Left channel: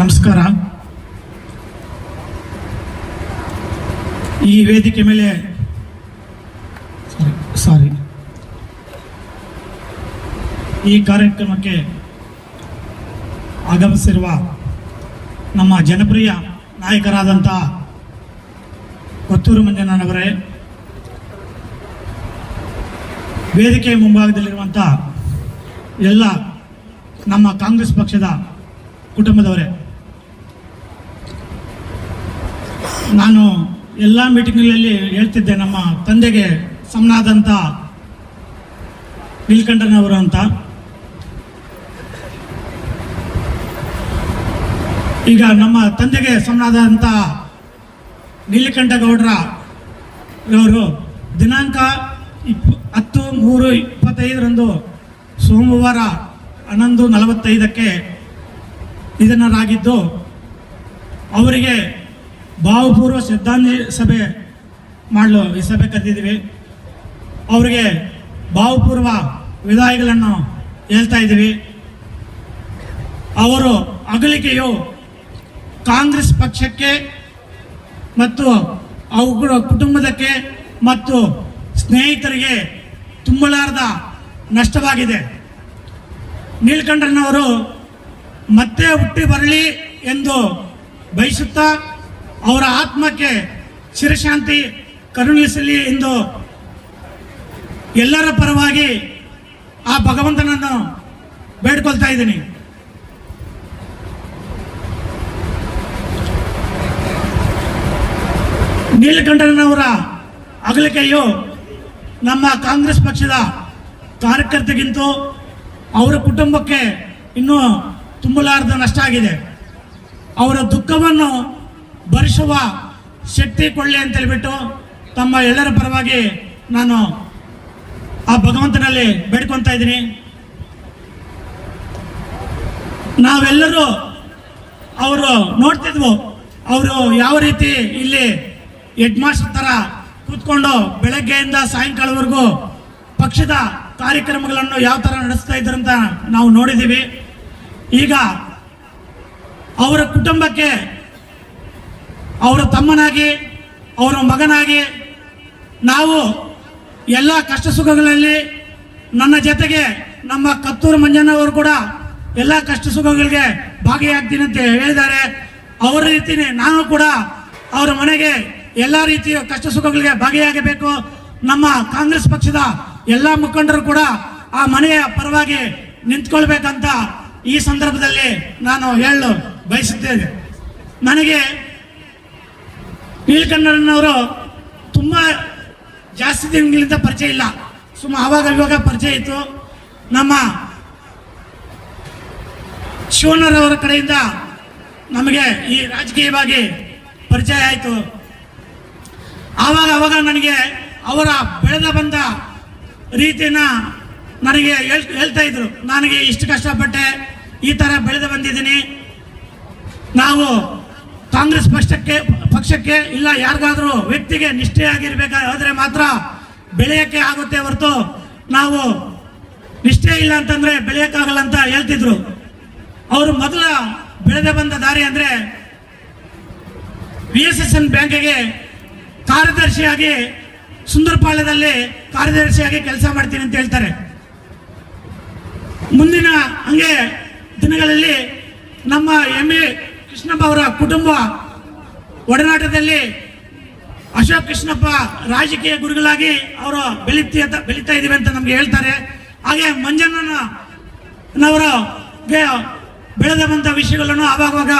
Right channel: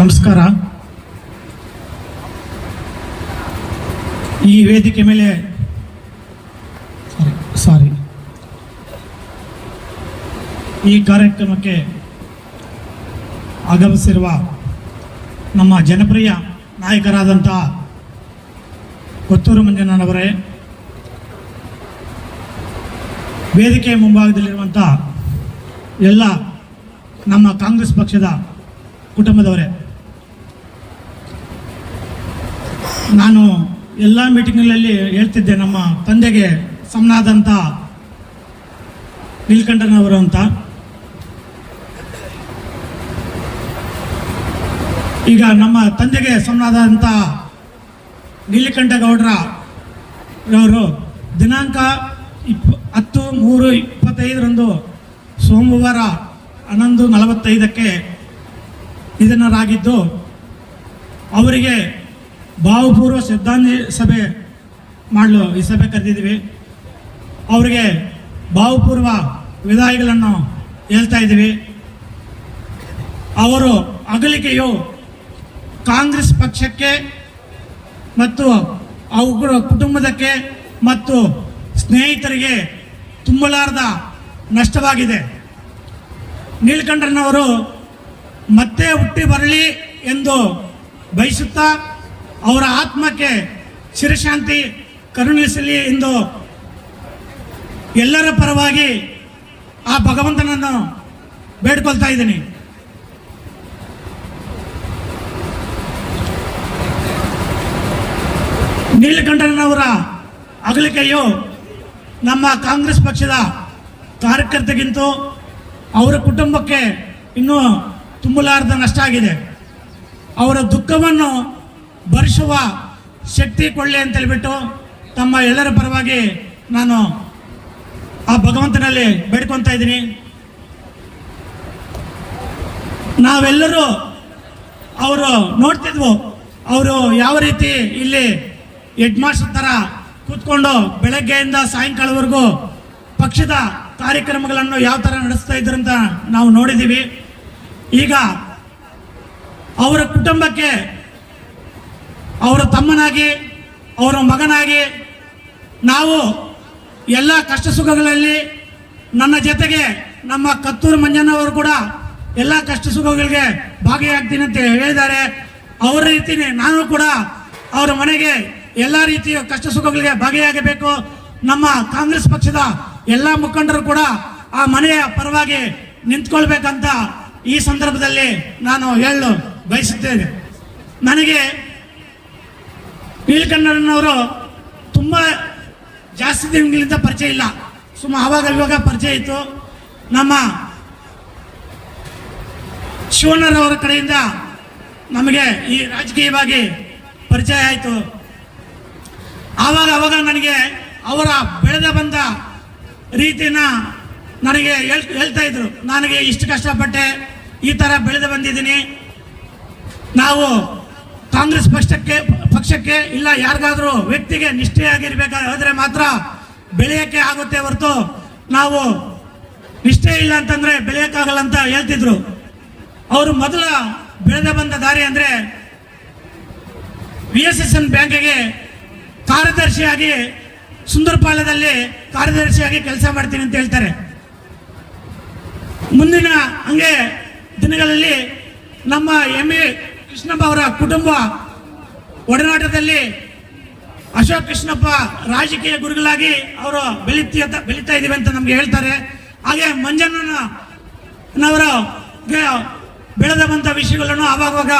ನಮಸ್ಕಾರ. ಈ ವೇದಿಕೆ ಮೇಲೆ ಈ ಕಾರ್ಯಕ್ರಮಕ್ಕೆ ಆಗಮಿಸಿರುವ ನಮ್ಮ ಜನಪ್ರಿಯ ನಾಯಕರಾದಂತಹ ಕೊತ್ತೂರು ಮಂಜಣ್ಣನವರೇ, ವೇದಿಕೆ ಮುಂಭಾಗದಲ್ಲಿರುವಂತಹ ಎಲ್ಲ ನಮ್ಮ ಕಾಂಗ್ರೆಸ್ ಪಕ್ಷದ ಕುಟುಂಬದವರೇ, ನಾನು ಎಲ್ಲ ಮೀಟಿಂಗ್ಗಳಲ್ಲಿ ಹೇಳ್ತಿದ್ದೆ, ನಮ್ಮ ತಂದೆಗೆ ಸಮನಾದಂಥ ನೀಲಕಂಠನವರು ಅಂತ. ಈಗ ನಮ್ಮ ತಂದೆಗೆ ಸಮನಾದಂಥ ನೀಲಕಂಠಗೌಡರ ಅವರು ದಿನಾಂಕ 10/3/25 ಸೋಮವಾರ 11:45 ನಿಧನರಾಗಿದ್ದು, ಅವರಿಗೆ ಭಾವಪೂರ್ವ ಶ್ರದ್ಧಾಂಜಲಿ ಸಭೆ ಮಾಡಲು ಈ ಸಭೆ ಕರೆದಿದ್ದೀವಿ. ಅವರಿಗೆ ಭಾವಪೂರ್ವ ವಿದಾಯಗಳನ್ನು ಹೇಳ್ತಾ ಇದ್ದೀವಿ. ಅವರು ಅಗಲಿಕೆಯು ಕಾಂಗ್ರೆಸ್ ಪಕ್ಷಕ್ಕೆ ಮತ್ತು ಅವರ ಕುಟುಂಬದಕ್ಕೆ ಮತ್ತು ಸ್ನೇಹಿತರಿಗೆ ತುಂಬಲಾರದ ನಷ್ಟವಾಗಿದೆ. ನೀಲಕಂಠನವರು ಮತ್ತೆ ಹುಟ್ಟಿ ಬರಲಿ ಎಂದು ಬಯಸುತ್ತಾ ಅವರ ಆತ್ಮಕ್ಕೆ ಚಿರಶಾಂತಿ ಕರುಣಿಸಲಿ ಎಂದು ಎಲ್ಲರ ಪರವಾಗಿ ಆ ಭಗವಂತನನ್ನು ಬೇಡ್ಕೊಳ್ತಾ ಇದ್ದೀನಿ. ನೀಲಕಂಠನವರ ಅಗಲಿಕೆಯು ನಮ್ಮ ಕಾಂಗ್ರೆಸ್ ಪಕ್ಷದ ಕಾರ್ಯಕರ್ತರಿಗಿಂತ ಅವರ ಕುಟುಂಬಕ್ಕೆ ಇನ್ನೂ ತುಂಬಲಾರದ ನಷ್ಟ ಆಗಿದೆ. ಅವರ ದುಃಖವನ್ನು ಭರಿಸುವ ಶಕ್ತಿ ಕೊಳ್ಳಿ ಅಂತ ಹೇಳ್ಬಿಟ್ಟು ತಮ್ಮ ಎಲ್ಲರ ಪರವಾಗಿ ನಾನು ಆ ಭಗವಂತನಲ್ಲಿ ಬೇಡ್ಕೊತಾ ಇದ್ದೀನಿ. ನಾವೆಲ್ಲರೂ ಅವರು ನೋಡ್ತಿದ್ವು, ಅವರು ಯಾವ ರೀತಿ ಇಲ್ಲಿ ಹೆಡ್ ಮಾಸ್ಟರ್ ತರ ಕೂತ್ಕೊಂಡು ಬೆಳಗ್ಗೆಯಿಂದ ಸಾಯಂಕಾಲವರೆಗೂ ಪಕ್ಷದ ಕಾರ್ಯಕ್ರಮಗಳನ್ನು ಯಾವ ತರ ನಡೆಸ್ತಾ ಇದ್ರು ಅಂತ ನಾವು ನೋಡಿದ್ದೀವಿ. ಈಗ ಅವರ ಕುಟುಂಬಕ್ಕೆ ಅವರ ತಮ್ಮನಾಗಿ, ಅವರ ಮಗನಾಗಿ, ನಾವು ಎಲ್ಲ ಕಷ್ಟ ಸುಖಗಳಲ್ಲಿ ನನ್ನ ಜೊತೆಗೆ ನಮ್ಮ ಕೊತ್ತೂರು ಮಂಜಣ್ಣವರು ಕೂಡ ಎಲ್ಲ ಕಷ್ಟ ಸುಖಗಳಿಗೆ ಭಾಗಿಯಾಗ್ತೀನಿ ಅಂತ ಹೇಳಿದ್ದಾರೆ. ಅವರ ರೀತಿನೇ ನಾನು ಕೂಡ ಅವರ ಮನೆಗೆ ಎಲ್ಲ ರೀತಿಯ ಕಷ್ಟ ಸುಖಗಳಿಗೆ ಭಾಗಿಯಾಗಬೇಕು. ನಮ್ಮ ಕಾಂಗ್ರೆಸ್ ಪಕ್ಷದ ಎಲ್ಲ ಮುಖಂಡರು ಕೂಡ ಆ ಮನೆಯ ಪರವಾಗಿ ನಿಂತ್ಕೊಳ್ಬೇಕಂತ ಈ ಸಂದರ್ಭದಲ್ಲಿ ನಾನು ಹೇಳಲು ಬಯಸುತ್ತೇನೆ. ನನಗೆ ನೀಲಕಂಠನವರು ತುಂಬಾ ಜಾಸ್ತಿ ದಿನಗಳಿಂದ ಪರಿಚಯ ಇಲ್ಲ, ಅವಾಗ ಇವಾಗ ಪರಿಚಯ ಇತ್ತು. ನಮ್ಮ ಶಿವಣ್ಣರವರ ಕಡೆಯಿಂದ ನಮಗೆ ಈ ರಾಜಕೀಯವಾಗಿ ಪರಿಚಯ ಆಯಿತು. ಆವಾಗ ನನಗೆ ಅವರ ಬೆಳೆದ ಬಂದ ರೀತಿಯನ್ನ ನನಗೆ ಹೇಳ್ತಾ ಇದ್ರು, ನನಗೆ ಇಷ್ಟು ಕಷ್ಟಪಟ್ಟೆ, ಈ ತರ ಬೆಳೆದು ಬಂದಿದ್ದೀನಿ, ನಾವು ಕಾಂಗ್ರೆಸ್ ಪಕ್ಷಕ್ಕೆ ಇಲ್ಲ ಯಾರಿಗಾದ್ರೂ ವ್ಯಕ್ತಿಗೆ ನಿಷ್ಠೆಯಾಗಿರ್ಬೇಕಾದ್ರೆ ಮಾತ್ರ ಬೆಳೆಯಕ್ಕೆ ಆಗುತ್ತೆ ಹೊರತು ನಾವು ನಿಷ್ಠೆ ಇಲ್ಲ ಅಂತಂದ್ರೆ ಬೆಳೆಯಕ್ಕಾಗಲ್ಲ ಅಂತ ಹೇಳ್ತಿದ್ರು. ಅವರು ಮೊದಲ ಬೆಳೆದ ಬಂದ ದಾರಿ ಅಂದ್ರೆ VSSN ಬ್ಯಾಂಕಿಗೆ ಕಾರ್ಯದರ್ಶಿಯಾಗಿ ಸುಂದರಪಾಳ್ಯದಲ್ಲಿ ಕಾರ್ಯದರ್ಶಿಯಾಗಿ ಕೆಲಸ ಮಾಡ್ತೀನಿ ಅಂತ ಹೇಳ್ತಾರೆ. ಮುಂದಿನ ಹಂಗೆ ದಿನಗಳಲ್ಲಿ ನಮ್ಮ MA ಕೃಷ್ಣಪ್ಪ ಅವರ ಕುಟುಂಬ ಒಡನಾಟದಲ್ಲಿ ಅಶೋಕ್ ಕೃಷ್ಣಪ್ಪ ರಾಜಕೀಯ ಗುರುಗಳಾಗಿ ಅವರು ಬೆಳೀತಾ ಇದೀವಿ ಅಂತ ನಮ್ಗೆ ಹೇಳ್ತಾರೆ. ಹಾಗೆ ಮಂಜಣ್ಣನವರ ಬೆಳೆದ ಬಂತ ವಿಷಯಗಳನ್ನು ಆವಾಗ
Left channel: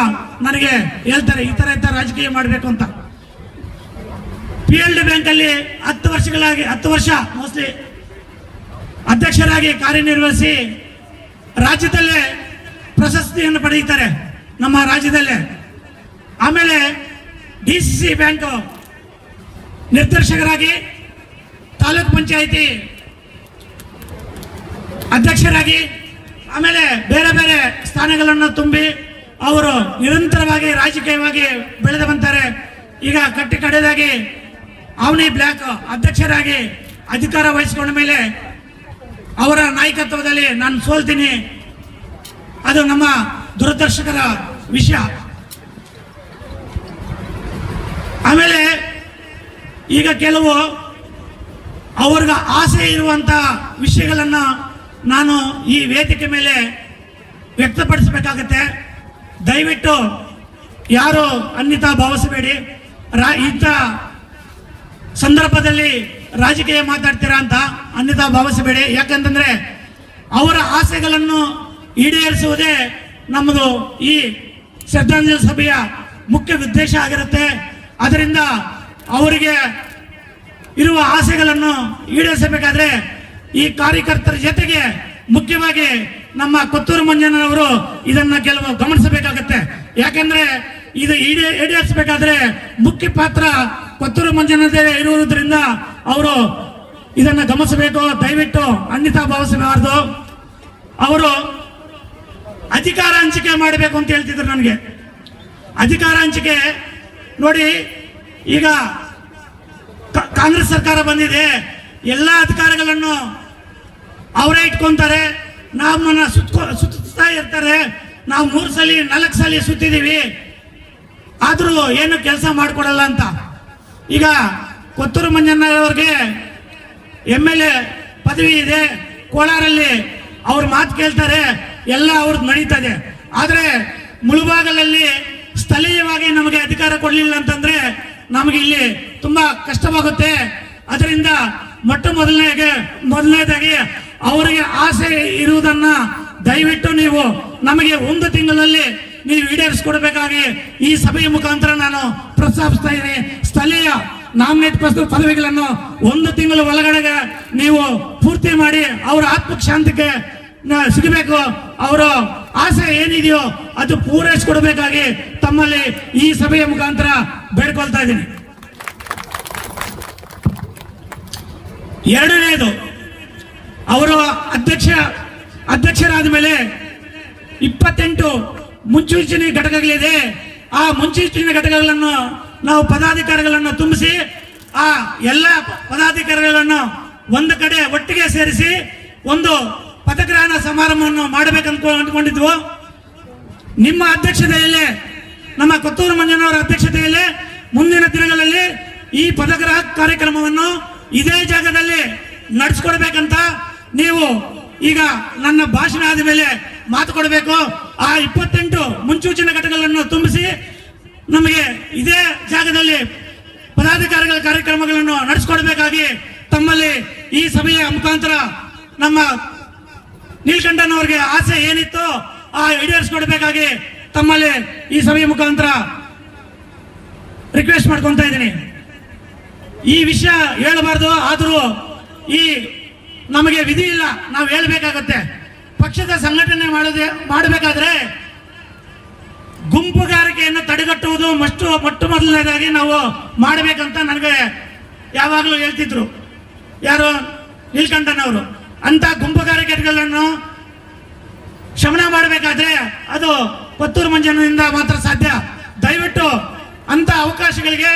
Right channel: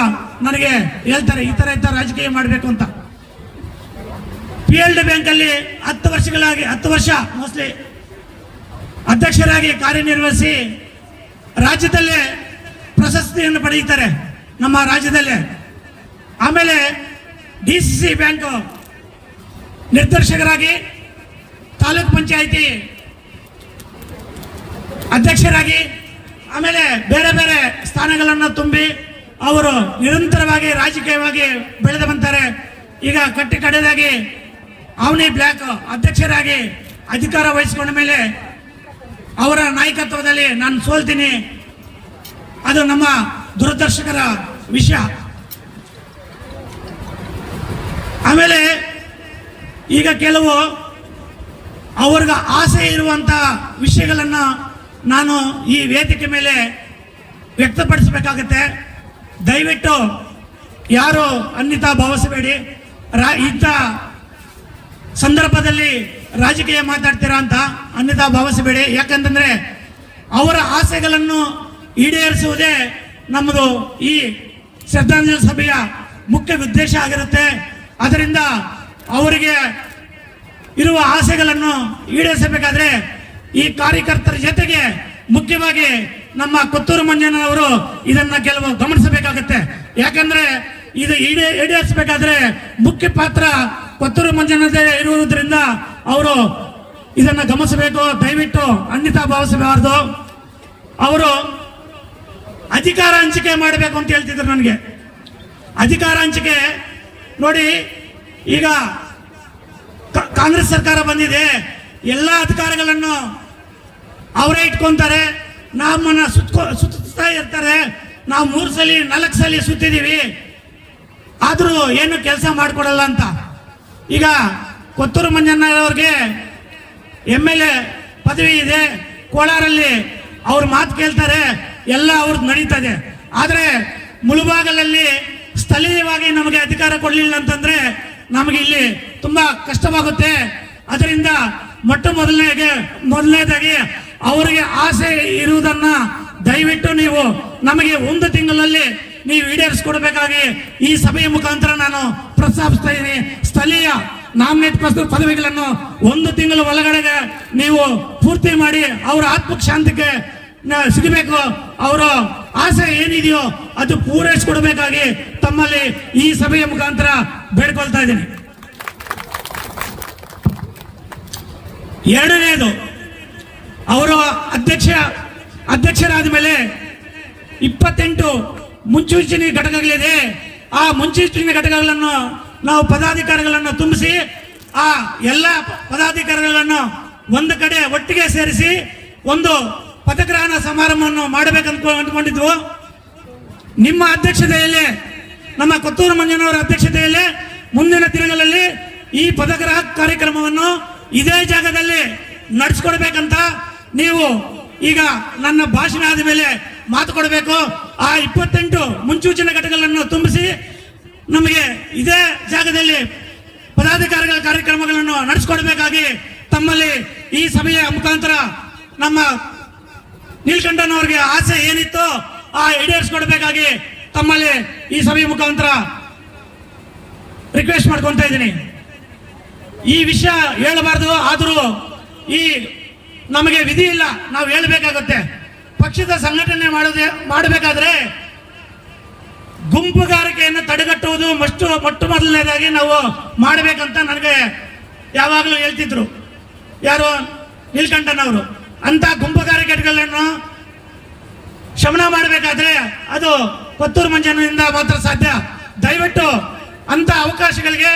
ನನಗೆ ಹೇಳ್ತಾರೆ, ಈ ತರ ರಾಜಕೀಯ ಮಾಡಬೇಕು ಅಂತ. PLD ಬ್ಯಾಂಕ್ ಅಲ್ಲಿ 10 ವರ್ಷ ಮೋಸ್ಟ್ಲಿ ಅಧ್ಯಕ್ಷರಾಗಿ ಕಾರ್ಯನಿರ್ವಹಿಸಿ ರಾಜ್ಯದಲ್ಲೇ ಪ್ರಶಸ್ತಿಯನ್ನು ಪಡೆಯುತ್ತಾರೆ ನಮ್ಮ ರಾಜ್ಯದಲ್ಲೇ. ಆಮೇಲೆ DCC ಬ್ಯಾಂಕ್ ನಿರ್ದೇಶಕರಾಗಿ, ತಾಲೂಕ್ ಪಂಚಾಯಿತಿ ಅಧ್ಯಕ್ಷರಾಗಿ, ಆಮೇಲೆ ಬೇರೆ ಬೇರೆ ಸ್ಥಾನಗಳನ್ನು ತುಂಬಿ ಅವರು ನಿರಂತರವಾಗಿ ರಾಜಕೀಯವಾಗಿ ಬೆಳೆದು ಬಂತಾರೆ. ಈಗ ಕಡೆದಾಗಿ ಅವನಿ ಬ್ಲಾಕ್ ಅಧ್ಯಕ್ಷರಾಗಿ ಅಧಿಕಾರ ವಹಿಸಿಕೊಂಡ ಮೇಲೆ ಅವರ ನಾಯಕತ್ವದಲ್ಲಿ ನಾನು ಸೋಲ್ತೀನಿ, ಅದು ನಮ್ಮ ದುರದೃಷ್ಟಕರ ವಿಷಯ. ಆಮೇಲೆ ಈಗ ಕೆಲವು ಅವ್ರಿಗೆ ಆಸೆ ಇರುವಂತ ವಿಷಯಗಳನ್ನು ನಾನು ಈ ವೇದಿಕೆ ಮೇಲೆ ವ್ಯಕ್ತಪಡಿಸಬೇಕಾಗತ್ತೆ. ದಯವಿಟ್ಟು ಯಾರು ಅನ್ಯತಾ ಭಾವಿಸಬೇಡಿ. ಇಂಥ ಸಂದರ್ಭದಲ್ಲಿ ರಾಜಕೀಯ ಮಾತಾಡ್ತೀರಾ ಅಂತ ಅನ್ಯತಾ ಭಾವಿಸಬೇಡಿ. ಯಾಕಂತಂದ್ರೆ ಅವರ ಆಸೆಗಳನ್ನು ಈಡೇರಿಸುವುದೇ ನಮ್ಮದು ಈ ಶ್ರದ್ಧಾಂಜಲಿ ಸಭೆಯ ಮುಖ್ಯ ಉದ್ದೇಶ ಆಗಿರುತ್ತೆ. ಅದರಿಂದ ಅವರಿಗೆ ಇರುವ ಆಸೆಗಳನ್ನು ಈಡೇರಿಸಬೇಕಾದ್ರೆ ಈ ಕಾರ್ಯಕರ್ತರ ಜೊತೆಗೆ ಮುಖ್ಯವಾಗಿ ನಮ್ಮ ಕೊತ್ತೂರು ಮಂಜಣ್ಣನವರು ಇದನ್ನ ಕೆಲವು ಗಮನಿಸಬೇಕಾಗತ್ತೆ. ಯಾಕಂದ್ರೆ ಇದು ಈಡೇರಿಸಬೇಕಾದ್ರೆ ಮುಖ್ಯ ಪಾತ್ರ ಕೊತ್ತೂರು ಮಂಜಣ್ಣದೇ ಇರುವುದರಿಂದ ಅವರು ಇದನ್ನ ಗಮನಿಸಬೇಕು. ದಯವಿಟ್ಟು ಅನ್ಯತಾ ಭಾವಿಸಬಾರದು. ಅವರು ಅಧಿಕಾರ ಹಂಚಿಕೆ ಮಾಡಬೇಕು ಅಂತ ಹೇಳ್ತಿದ್ರು. ನನಗೆ ಅಧಿಕಾರ ಹಂಚಿಕೆ ನೋಡಿ, ಈಗ ಕಾಂಗ್ರೆಸ್ ಸರ್ಕಾರ ಬಂದಿದೆ, ಎಲ್ಲ ಅಧಿಕಾರಗಳನ್ನು ಅವರೇ ಇಟ್ಕೊಂತಾರೆ, ನಮ್ಮನ್ನ ಸುತ್ತಾ ಇರ್ತಾರೆ. ನಾವು 3 ಸಲ 4 ಸಲ ಸುತ್ತಿದೀವಿ, ಆದ್ರೂ ಏನು ಕೆಲಸ ಮಾಡಿಕೊಡಲ್ಲ ಅಂತ. ಈಗ ಕೊತ್ತೂರು ಮಂಜಣ್ಣವ್ರಿಗೆ MLA ಪದವಿ ಇದೆ, ಕೋಲಾರಲ್ಲಿ ಅವ್ರ ಮಾತು ಕೇಳ್ತಾರೆ, ಎಲ್ಲ ಅವ್ರದ್ದು ನಡೀತದೆ. ಆದ್ರೆ ಮುಳುಬಾಗಲಲ್ಲಿ ಸ್ಥಳೀಯವಾಗಿ ನಮಗೆ ಅಧಿಕಾರ ಕೊಡಲಿಲ್ಲ ಅಂತಂದ್ರೆ ನಮಗೆ ಇಲ್ಲಿ ತುಂಬಾ ಕಷ್ಟವಾಗುತ್ತೆ. ಅದರಿಂದ ಮೊದಲನೇದಾಗಿ ಅವರಿಗೆ ಆಸೆ ಇರುವುದನ್ನ ದಯವಿಟ್ಟು ನೀವು ನಮಗೆ 1 ತಿಂಗಳಲ್ಲಿ ನೀವು ಈಡೇರಿಸಿಕೊಡ್ಬೇಕಾಗಿ ಈ ಸಭೆಯ ಮುಖಾಂತರ ನಾನು ಪ್ರಸ್ತಾಪಿಸ್ತಾ ಇದ್ದೀನಿ. ಸ್ಥಳೀಯ ನಾಮಿನೇಟ್ ಪದವಿಗಳನ್ನು 1 ತಿಂಗಳ ಒಳಗಡೆ ನೀವು ಪೂರ್ತಿ ಮಾಡಿ ಅವರ ಆತ್ಮಶಾಂತಿಗೆ ಸಿಗಬೇಕು. ಅವರ ಆಸೆ ಏನಿದೆಯೋ ಅದು ಪೂರೈಸಿಕೊಡ್ಬೇಕಾಗಿ ತಮ್ಮಲ್ಲಿ ಈ ಸಭೆಯ ಮುಖಾಂತರ ಬೇಡ್ಕೊಳ್ತಾ ಇದ್ದೀನಿ. ಎರಡನೇದು, ಅವರು ಅಧ್ಯಕ್ಷರಾದ ಮೇಲೆ 28 ಮುನ್ಸೂಚನೆ ಘಟಕಗಳಿದೆ. ಆ ಮುನ್ಸೂಚನೆ ಘಟಕಗಳನ್ನು ನಾವು ಪದಾಧಿಕಾರಿಗಳನ್ನು ತುಂಬಿಸಿ ಆ ಎಲ್ಲ ಪದಾಧಿಕಾರಿಗಳನ್ನು ಒಂದು ಕಡೆ ಒಟ್ಟಿಗೆ ಸೇರಿಸಿ ಒಂದು ಪದಗ್ರಹಣ ಸಮಾರಂಭವನ್ನು ಮಾಡಬೇಕಂತ ಅಂದ್ಕೊಂಡಿದ್ವು. ನಿಮ್ಮ ಅಧ್ಯಕ್ಷತೆಯಲ್ಲಿ, ನಮ್ಮ ಕೊತ್ತೂರು ಮಂಜಣ್ಣವರ ಅಧ್ಯಕ್ಷತೆಯಲ್ಲಿ ಮುಂದಿನ ದಿನಗಳಲ್ಲಿ ಈ ಪದಗ್ರಹ ಕಾರ್ಯಕ್ರಮವನ್ನು ಇದೇ ಜಾಗದಲ್ಲಿ ನಡೆಸ್ಕೊಡ್ಬೇಕಂತ ನೀವು ಈಗ ನನ್ನ ಭಾಷಣ ಆದ ಮೇಲೆ ಮಾತು ಕೊಡಬೇಕು. ಆ 28 ಮುನ್ಸೂಚನೆ ಘಟಕಗಳನ್ನು ತುಂಬಿಸಿ ನಮಗೆ ಇದೇ ಜಾಗದಲ್ಲಿ ಪದಾಧಿಕಾರಿಗಳ ಕಾರ್ಯಕ್ರಮಗಳನ್ನು ನಡೆಸಿಕೊಡ್ಬೇಕಾಗಿ ತಮ್ಮಲ್ಲಿ ಈ ಸಭೆಯ ಮುಖಾಂತರ ನಮ್ಮ ನೀಲಕಂಠನವರಿಗೆ ಆಸೆ ಏನಿತ್ತು ಆ ಈಡೇರಿಸಿಕೊಡ್ಬೇಕಾಗಿ ತಮ್ಮಲ್ಲಿ ಈ ಸಭೆಯ ಮುಖಾಂತರ ರಿಕ್ವೆಸ್ಟ್ ಮಾಡ್ಕೊಂತ ಇದ್ದೀನಿ. ಈ ವಿಷಯ ಹೇಳಬಾರ್ದು, ಆದರೂ ಈ ನಮಗೆ ವಿಧಿ ಇಲ್ಲ, ನಾವು ಹೇಳಬೇಕಾಗುತ್ತೆ. ಪಕ್ಷದ ಸಂಘಟನೆ ಮಾಡಬೇಕಾದ್ರೆ ಗುಂಪುಗಾರಿಕೆಯನ್ನು ತಡೆಗಟ್ಟುವುದು ಮೊಟ್ಟ ಮೊದಲನೇದಾಗಿ ನಾವು ಮಾಡಬೇಕಂತ ನನಗೆ ಯಾವಾಗಲೂ ಹೇಳ್ತಿದ್ರು ಯಾರು, ನೀಲಕಂಠನವರು. ಅಂತ ಗುಂಪುಗಾರಿಕೆಗಳನ್ನು ಶಮನ ಮಾಡಬೇಕಾದ್ರೆ ಅದು ಕೊತ್ತೂರು ಮಂಜಣ್ಣನಿಂದ ಮಾತ್ರ ಸಾಧ್ಯ. ದಯವಿಟ್ಟು ಅಂತ ಅವಕಾಶಗಳಿಗೆ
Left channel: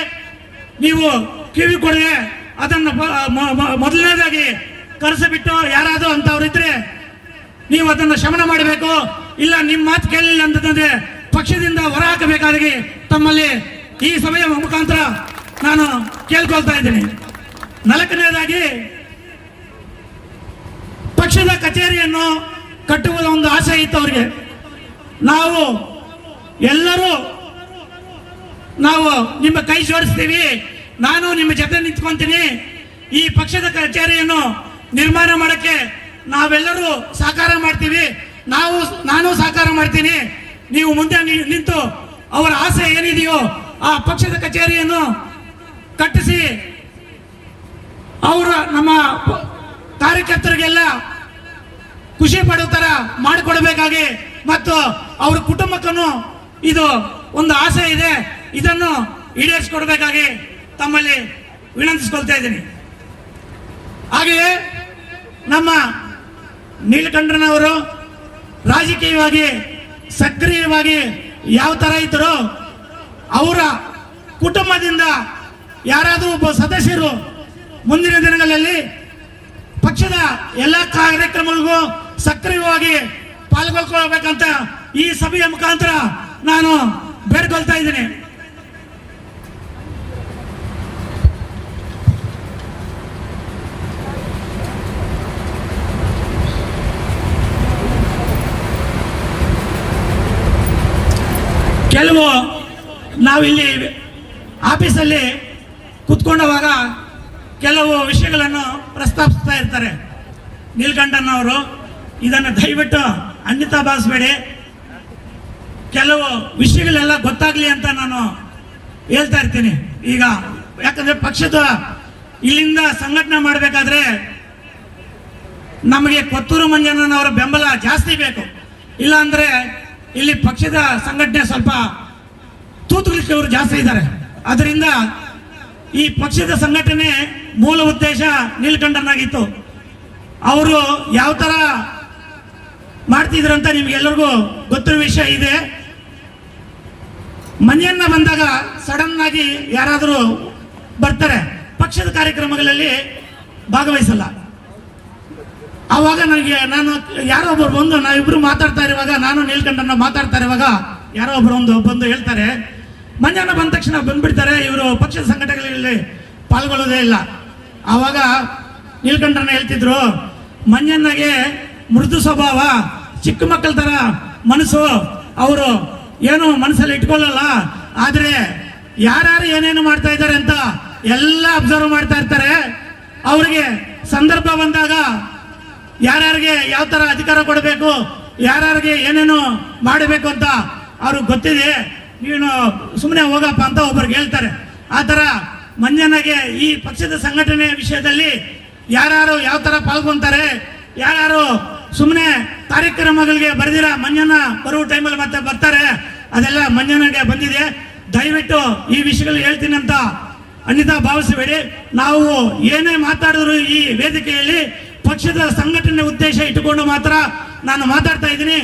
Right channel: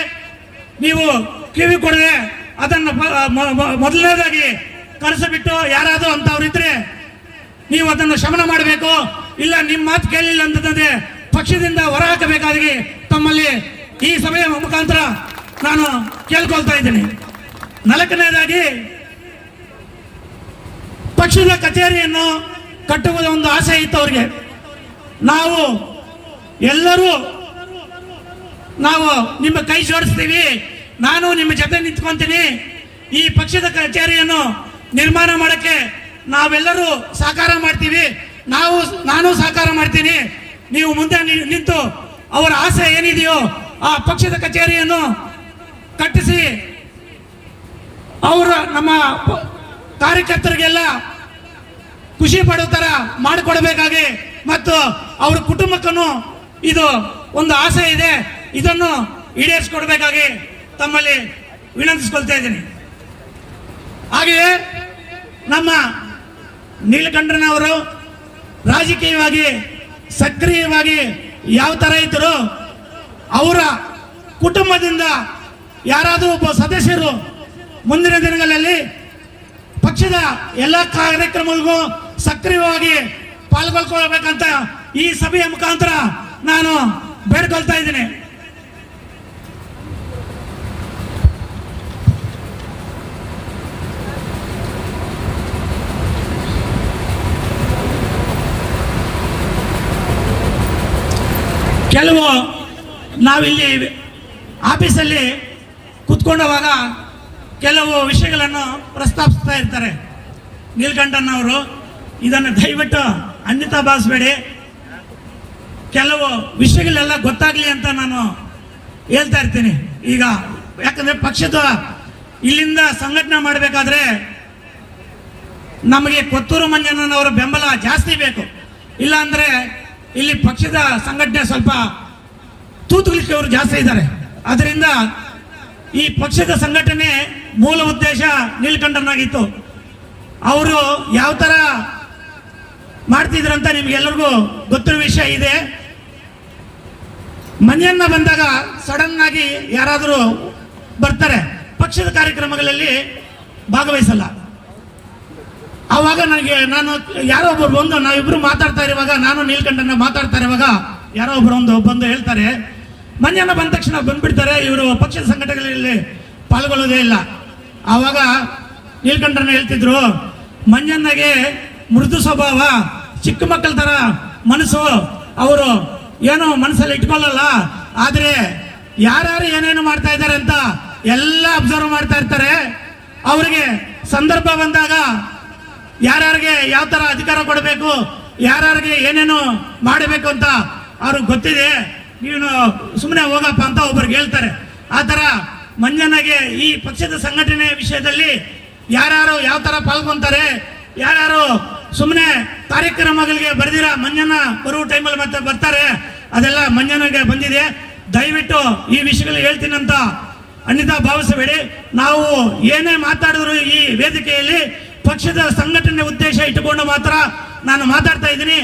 ನೀವು ಕಿವಿ ಕೊಡದೆ ಅದನ್ನು ಮೊದಲನೇದಾಗಿ ಕರೆಸಿಬಿಟ್ಟು ಯಾರಾದರೂ ಅಂತವ್ರಿದ್ರೆ ನೀವು ಅದನ್ನು ಶಮನ ಮಾಡಬೇಕು. ಇಲ್ಲ ನಿಮ್ಮ ಮಾತು ಕೇಳಲಿಲ್ಲ ಅಂತಂದ್ರೆ ಪಕ್ಷದಿಂದ ಹೊರಹಾಕಬೇಕಾಗಿ ತಮ್ಮಲ್ಲಿ ಈ ಸಭೆಯ ಮುಖಾಂತರ ನಾನು ಕೇಳ್ಕೊಳ್ತಾ ಇದ್ದೀನಿ. 4ನೇದಾಗಿ, ಪಕ್ಷದ ಕಚೇರಿಯನ್ನು ಕಟ್ಟುವ ಒಂದು ಆಸೆ ಇತ್ತು ಅವರಿಗೆ. ನಾವು ಎಲ್ಲರೂ ನಿಮ್ಮ ಕೈ ಜೋಡಿಸ್ತೀವಿ, ನಾನು ನಿಮ್ಮ ಜೊತೆ ನಿಂತ್ಕೊಂತೀನಿ, ಈ ಪಕ್ಷದ ಕಚೇರಿಯನ್ನು ನಿರ್ಮಾಣ ಮಾಡಕ್ಕೆ ನಾವೆಲ್ಲರೂ ಸಹಕಾರ ಮಾಡ್ತೀವಿ, ನಾನು ಸಹಕಾರ ಮಾಡ್ತೀನಿ, ನೀವು ಮುಂದೆ ನಿಂತು ಅವರ ಆಸೆ ಏನಿದೆಯೋ ಆ ಪಕ್ಷದ ಕಚೇರಿಯನ್ನು ಕಟ್ಟಿಸಿ ಅವರ ನಮ್ಮ ಕಾರ್ಯಕರ್ತರಿಗೆಲ್ಲ ಖುಷಿ ಪಡೋ ತರ ಮಾಡಿಕೊಡಬೇಕಾಗಿ ಮತ್ತು ಅವರ ಕುಟುಂಬಕ್ಕೂ ಇದು ಒಂದು ಆಸೆ ಇದೆ, ಇದನ್ನು ಈಡೇರಿಸಿಕೊಡ್ಬೇಕಾಗಿ ತಮ್ಮಲ್ಲಿ ವಿನಂತಿಸಿಕೊಳ್ತಾ ಇದ್ದೀನಿ. ಹಾಗೆಯೇ ನಮ್ಮ ನೀಲಕಂಠನವರು ರಾಜಕೀಯವಾಗಿ ಸಕ್ರಿಯವಾಗಿ ಯಾವ ತರ ಇದ್ದರು, ಅವರ ಕುಟುಂಬದಿಂದ ಯಾರಾದರೂ ಒಬ್ಬ ಸದಸ್ಯರು ಮುಂದಿನ ದಿನಗಳಲ್ಲಿ ಪಕ್ಷದ ಎಲ್ಲ ಕಾರ್ಯಕ್ರಮಗಳಿಗೂ ಸಕ್ರಿಯವಾಗಿ ಪಾಲ್ಗೊಳ್ಕೊಳ್ಬೇಕಂತ ಈ ಸಭೆಯ ಮುಖಾಂತರ ನಾನು ಕೇಳ್ಕೊಳ್ತಾ ಇದ್ದೀನಿ. ಕೆಲವು ನಾವಿಲ್ಲಿ ಆಫೀಸಲ್ಲಿ ಕುತ್ಕೊಂಡವಾಗ ಕೆಲವು ವಿಷಯಗಳನ್ನು ಪ್ರಸ್ತಾಪಿಸ್ತಾ ಇರ್ತಾರೆ. ನೀಲಕಂಠನವರು ಇದನ್ನು ದಯವಿಟ್ಟು ಅನ್ಯತಾ ಭಾವಿಸಬೇಡಿ, ಕೆಲವು ವಿಷಯಗಳೆಲ್ಲ ಗೊತ್ತಾಗ್ಲಿ ಅಂತ ನಾನು ಹೇಳ್ತಾ ಇರ್ತೀನಿ. ಈಗ ಯಾಕಂದ್ರೆ ಪಕ್ಷದ ಇಲ್ಲಿಂದ ಸಂಘಟನೆ ಮಾಡಬೇಕಾದ್ರೆ ನಮಗೆ ಕೊತ್ತೂರು ಮಂಜಣ್ಣನವರ ಬೆಂಬಲ ಜಾಸ್ತಿ ಬೇಕು. ಇಲ್ಲ ಅಂದ್ರೆ ಇಲ್ಲಿ ಪಕ್ಷದ ಸಂಘಟನೆ ಸ್ವಲ್ಪ ತೂತುಲಿಕ್ಕೆ ಇವರು ಜಾಸ್ತಿ ಇದ್ದಾರೆ. ಅದರಿಂದ ಈ ಪಕ್ಷದ ಸಂಘಟನೆ ಮೂಲ ಉದ್ದೇಶ ನೀಲಕಂಠನಾಗಿತ್ತು. ಅವರು ಯಾವ ತರ ಮಾಡ್ತಿದ್ರಂತ ನಿಮ್ಗೆಲ್ಲರಿಗೂ ಗೊತ್ತಿರೋ ವಿಷಯ ಇದೆ. ಮಂಜಣ್ಣ ಬಂದಾಗ ಸಡನ್ ಆಗಿ ಯಾರಾದರೂ ಬರ್ತಾರೆ, ಪಕ್ಷದ ಕಾರ್ಯಕ್ರಮಗಳಲ್ಲಿ ಭಾಗವಹಿಸಲ್ಲ. ಆವಾಗ ನಾನು ಯಾರೋ ಒಬ್ರು ಬಂದು ನಾವಿಬ್ರು ಮಾತಾಡ್ತಾ ಇರುವಾಗ, ನಾನು ನೀಲಕಂಠನ ಮಾತಾಡ್ತಾ ಇರುವಾಗ ಯಾರೋ ಒಬ್ರು ಬಂದು ಹೇಳ್ತಾರೆ, ಮಂಜಣ್ಣ ಬಂದ ತಕ್ಷಣ ಬಂದ್ಬಿಡ್ತಾರೆ, ಇವರು ಪಕ್ಷದ ಸಂಘಟನೆಗಳಲ್ಲಿ ಪಾಲ್ಗೊಳ್ಳೋದೇ ಇಲ್ಲ. ಆವಾಗ ನೀಲಕಂಠನ ಹೇಳ್ತಿದ್ರು, ಮಂಜಣ್ಣಗೆ ಮೃದು ಸ್ವಭಾವ, ಚಿಕ್ಕ ಮಕ್ಕಳ ತರ ಮನಸ್ಸು, ಅವರು ಏನು ಮನಸ್ಸಲ್ಲಿ ಇಟ್ಕೊಳ್ಳಲ್ಲ, ಆದ್ರೆ ಯಾರ್ಯಾರು ಏನೇನು ಮಾಡ್ತಾ ಇದ್ದಾರೆ ಅಂತ ಎಲ್ಲ ಅಬ್ಸರ್ವ್ ಮಾಡ್ತಾ ಇರ್ತಾರೆ. ಅವರಿಗೆ ಸಂದರ್ಭ ಬಂದಾಗ ಯಾರ್ಯಾರಿಗೆ ಯಾವ ತರ ಅಧಿಕಾರ ಕೊಡಬೇಕು, ಯಾರ್ಯಾರಿಗೆ ಏನೇನು ಮಾಡಬೇಕು ಅಂತ ಅವ್ರಿಗೆ ಗೊತ್ತಿದೆ, ನೀನು ಸುಮ್ಮನೆ ಹೋಗಪ್ಪ ಅಂತ ಒಬ್ಬರಿಗೆ ಹೇಳ್ತಾರೆ. ಆ ತರ ಮಂಜಣ್ಣಗೆ ಈ ಪಕ್ಷದ ಸಂಘಟನೆ ವಿಷಯದಲ್ಲಿ ಯಾರ್ಯಾರು ಯಾವ ತರ ಪಾಲ್ಗೊಂತಾರೆ, ಯಾರ್ಯಾರು ಸುಮ್ಮನೆ ಕಾರ್ಯಕ್ರಮಗಳಿಗೆ ಬರೆದಿರ ಮಂಜಣ್ಣ ಬರುವ ಟೈಮಲ್ಲಿ ಮತ್ತೆ ಬರ್ತಾರೆ, ಅದೆಲ್ಲ ಮಂಜಣ್ಣಗೆ ಬಂದಿದೆ. ದಯವಿಟ್ಟು ಈ ವಿಷಯಗಳು ಹೇಳ್ತೀನಂತ ಅನ್ಯತಾ ಭಾವಿಸಬೇಡಿ. ನಾವು ಏನೇ ಮಾತಾಡಿದ್ರು ಈ ವೇದಿಕೆಯಲ್ಲಿ ಪಕ್ಷದ ಸಂಘಟನೆ ಉದ್ದೇಶ ಇಟ್ಟುಕೊಂಡು ಮಾತ್ರ ನಾನು ಮಾತಾಡ್ತಾ ಇದ್ದೀನಿ.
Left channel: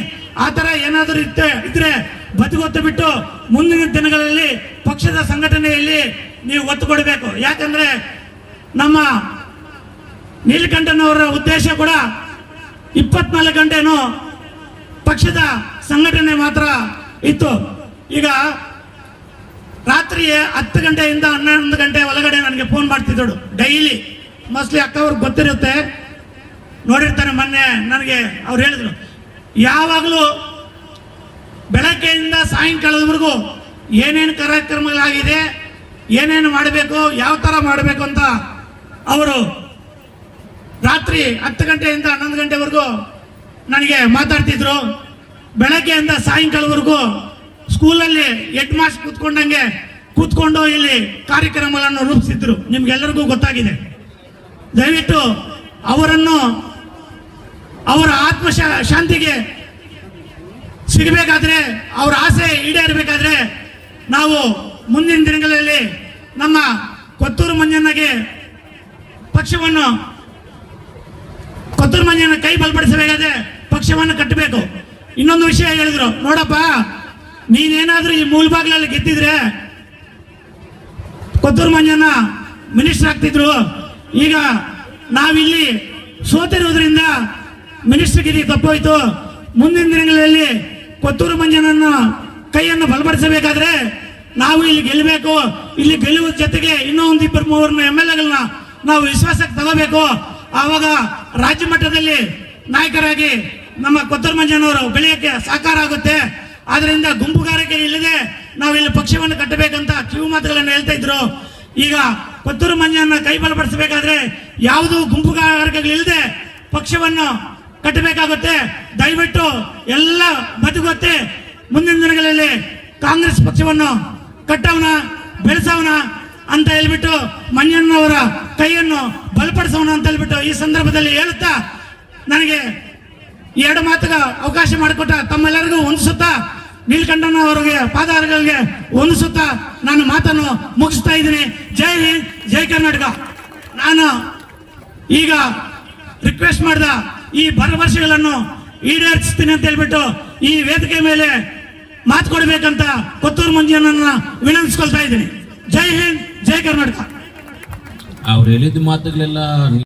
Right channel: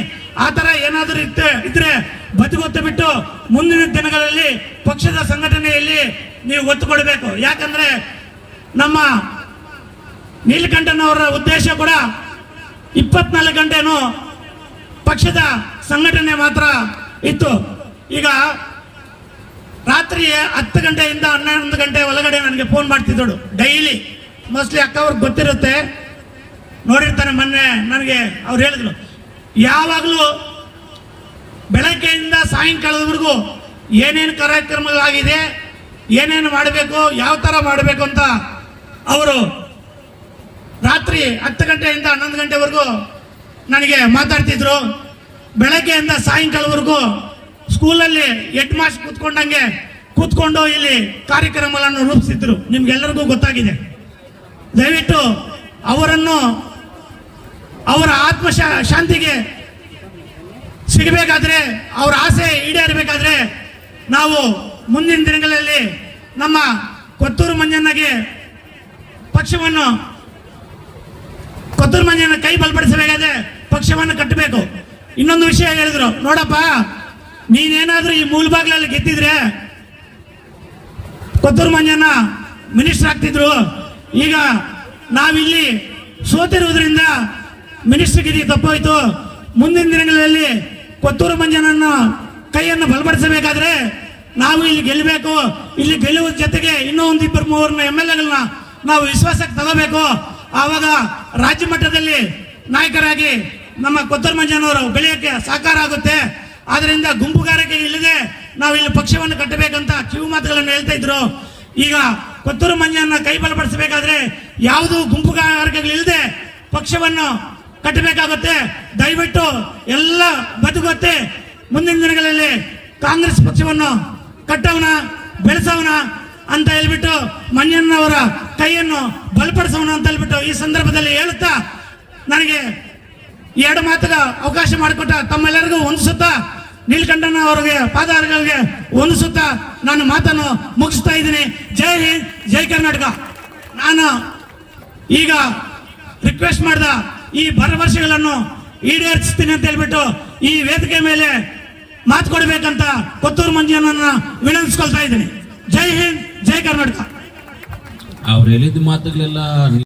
ಆ ತರ ಏನಾದರೂ ಇದ್ರೆ ಬದಿಗೊತ್ತು ಬಿಟ್ಟು ಮುಂದಿನ ದಿನಗಳಲ್ಲಿ ಪಕ್ಷದ ಸಂಘಟನೆಯಲ್ಲಿ ನೀವು ಒತ್ತು ಕೊಡಬೇಕು. ಯಾಕಂದ್ರೆ ನಮ್ಮ ನೀಲಕಂಠನವರ ಉದ್ದೇಶ ಕೂಡ 24 ಗಂಟೆನೂ ಪಕ್ಷದ ಸಂಘಟನೆ ಮಾತ್ರ ಇತ್ತು. ಈಗ ರಾತ್ರಿ 10 ಗಂಟೆಯಿಂದ 11 ಗಂಟೆ ಒಳಗಡೆ ನನಗೆ ಫೋನ್ ಮಾಡ್ತಿದ್ದಳು ಡೈಲಿ. ಮೋಸ್ಟ್ಲಿ ಅಕ್ಕ ಅವ್ರಿಗೆ ಗೊತ್ತಿರುತ್ತೆ, ನೋಡಿರ್ತಾನೆ. ಮೊನ್ನೆ ನನಗೆ ಅವ್ರು ಹೇಳಿದ್ರು, ಯಾವಾಗಲೂ ಬೆಳಗ್ಗೆಯಿಂದ ಸಾಯಂಕಾಲದವರೆಗೂ ಏನೇನು ಕಾರ್ಯಕ್ರಮಗಳಾಗಿದೆ, ಏನೇನು ಮಾಡಬೇಕು, ಯಾವ ತರ ಮಾಡಬೇಕು ಅಂತ ಅವರು ರಾತ್ರಿ 10 ಗಂಟೆಯಿಂದ 11 ಗಂಟೆವರೆಗೂ ನನಗೆ ಮಾತಾಡ್ತಿದ್ರು. ಬೆಳಗ್ಗೆಯಿಂದ ಸಾಯಂಕಾಲವರೆಗೂ ಸ್ಕೂಲಲ್ಲಿ ಹೆಡ್ ಮಾಸ್ಟರ್ ಕೂತ್ಕೊಂಡಂಗೆ ಕೂತ್ಕೊಂಡು ಇಲ್ಲಿ ಕಾರ್ಯಕ್ರಮಗಳನ್ನು ರೂಪಿಸಿದ್ರು. ನಿಮ್ಗೆಲ್ಲರಿಗೂ ಗೊತ್ತಾಗಿದೆ. ದಯವಿಟ್ಟು ಅವರನ್ನು ಅವರ ಆತ್ಮ ಶಾಂತಿಗೆ ಸಿಗಬೇಕಾದ್ರೆ, ಅವರ ಆಸೆ ಈಡೇರಬೇಕಾದ್ರೆ ನಾವು ಮುಂದಿನ ದಿನಗಳಲ್ಲಿ ನಮ್ಮ ಕೊತ್ತೂರು ಮಂಜಣ್ಣಗೆ ಕೊತ್ತೂರು ಮಂಜಣ್ಣ ಕೈ ಬಲಪಡಿಸಬೇಕಾದ್ರೆ ಪಕ್ಷವನ್ನು ಕಟ್ಟಬೇಕು. ಇನ್ನೊಂದು ವಿಷಯ ಹೇಳಿದ್ರು, ನೋಡಪ್ಪ ನೀನೇನಾದ್ರೂ ಈ ಮೂಲಬಾಗ್ಲಲ್ಲಿ ಗೆದ್ದಿದ್ರೆ ಕೊತ್ತೂರು ಮಂಜಣ್ಣ ಮಿನಿಸ್ಟರ್ ಆಗ್ತಿದ್ರು. ಈಗ ನಾವಿಲ್ಲಿ ಸೋತಿರುವುದರಿಂದ ಮಿನಿಸ್ಟರ್ ಗಿರಿ ತಪ್ಪೋಯ್ತು. ಮುಂದಿನ ದಿನಗಳಲ್ಲಿ ಕೊತ್ತೂರು ಮಂಜಣ್ಣನ ಕೈಯನ್ನು ಬಲಪಡಿಸಬೇಕಾದ್ರೆ ನಾವು ಇಲ್ಲಿ ಗೆಲ್ಲಬೇಕು. ಇಲ್ಲಿ ಗೆಲ್ಲುವ ಜೊತೆಗೆ ಇನ್ನೂ ಒಂದು 2-3 MLAಗಳನ್ನ ನಾವು ವಿಶ್ವಾಸಕ್ಕೆ ತಗೋಬೇಕು. ಆವಾಗ ರಾಜ್ಯ ಮಟ್ಟದಲ್ಲಿ ನಾಯಕರಾಗಿ ನಮ್ಮ ಕೊತ್ತೂರು ಮಂಜಣ್ಣವರು ಬೆಳೆಯಕ್ಕೆ ಸಹಕಾರ ಆಗುತ್ತೆ. ಆದ್ರಿಂದ ಗುಂಪುಗಾರಿಕೆ ಇಲ್ಲದೆ ನಾವು ಇಲ್ಲಿ ಪಕ್ಷವನ್ನು ಕಟ್ಟಬೇಕಂತ ಕಿವಿ ಮಾತುಗಳನ್ನು ಹೇಳ್ತಾ ಇದ್ರು. ಈಗ ಕೊತ್ತೂರು ಮಂಜಣ್ಣ ಕೈ ಬಲಪಡಿಸಬೇಕಾದ್ರೆ ಯಾವುದು ಗುಂಪುಗಾರಿಕೆಗಳಿಲ್ಲದೆ ಪಕ್ಷವನ್ನು ಕಟ್ಟಬೇಕಾಗುತ್ತೆ. ದಯವಿಟ್ಟು ಎಲ್ಲ ಬದುಕುತ್ತೆ. ಮುಂದಿನ ದಿನಗಳಲ್ಲಿ ಕಾಂಗ್ರೆಸ್ ಪಕ್ಷವನ್ನು ಕಟ್ಟೋಣ, ಬೆಳೆಸೋಣ ಅಂತ ಹೇಳ್ಬಿಟ್ಟು ಮಂಜಣ್ಣವರ ಕೈಯನ್ನು ಬಲಪಡಿಸೋಣ ಅಂತ ಹೇಳ್ಬಿಟ್ಟು ಈ ಸಂದರ್ಭದಲ್ಲಿ ಹೇಳುತ್ತಾ, ನನಗೆ 2 ಮಾತುಗ ಅವಕಾಶ ಮಾಡಿಕೊಟ್ಟ ತಮ್ಮೆಲ್ಲರಿಗೂ ವಂದಿಸುತ್ತಾ, ನೀಲಕಂಠನವರಿಗೆ ಪಾದಾರಗಳಿಗೆ ವಂದಿಸುತ್ತಾ ನಾನು ಮಾತನ್ನು ಮುಗಿಸ್ತಾ ಇದ್ದೀನಿ. ಜೈ ಹಿಂದ್, ಜೈ ಕರ್ನಾಟಕ. ನಾನು ಈಗ ರಿಕ್ವೆಸ್ಟ್ ಮಾಡಿದ ಈ ಭರವಸೆಗಳನ್ನು ಈಡೇರಿಸ್ತೀನಿ ಅಂತ ಹೇಳ್ಬಿಟ್ಟು ಈ ವೇದಿಕೆ ಮೇಲೆ ಮಾತು ಕೊಡಬೇಕಂತ ಕೊತ್ತೂರು ಮಂಜಣ್ಣನ ವಿನಂತಿಸ್ಕೊಳ್ತಾ ಇದ್ದೀನಿ. ಜೈ ಹಿಂದ್, ಜೈ ಕರ್ನಾಟಕ. ಅವ್ರು ಹೇಳಿದ ಮಾತುಗಳೆಲ್ಲ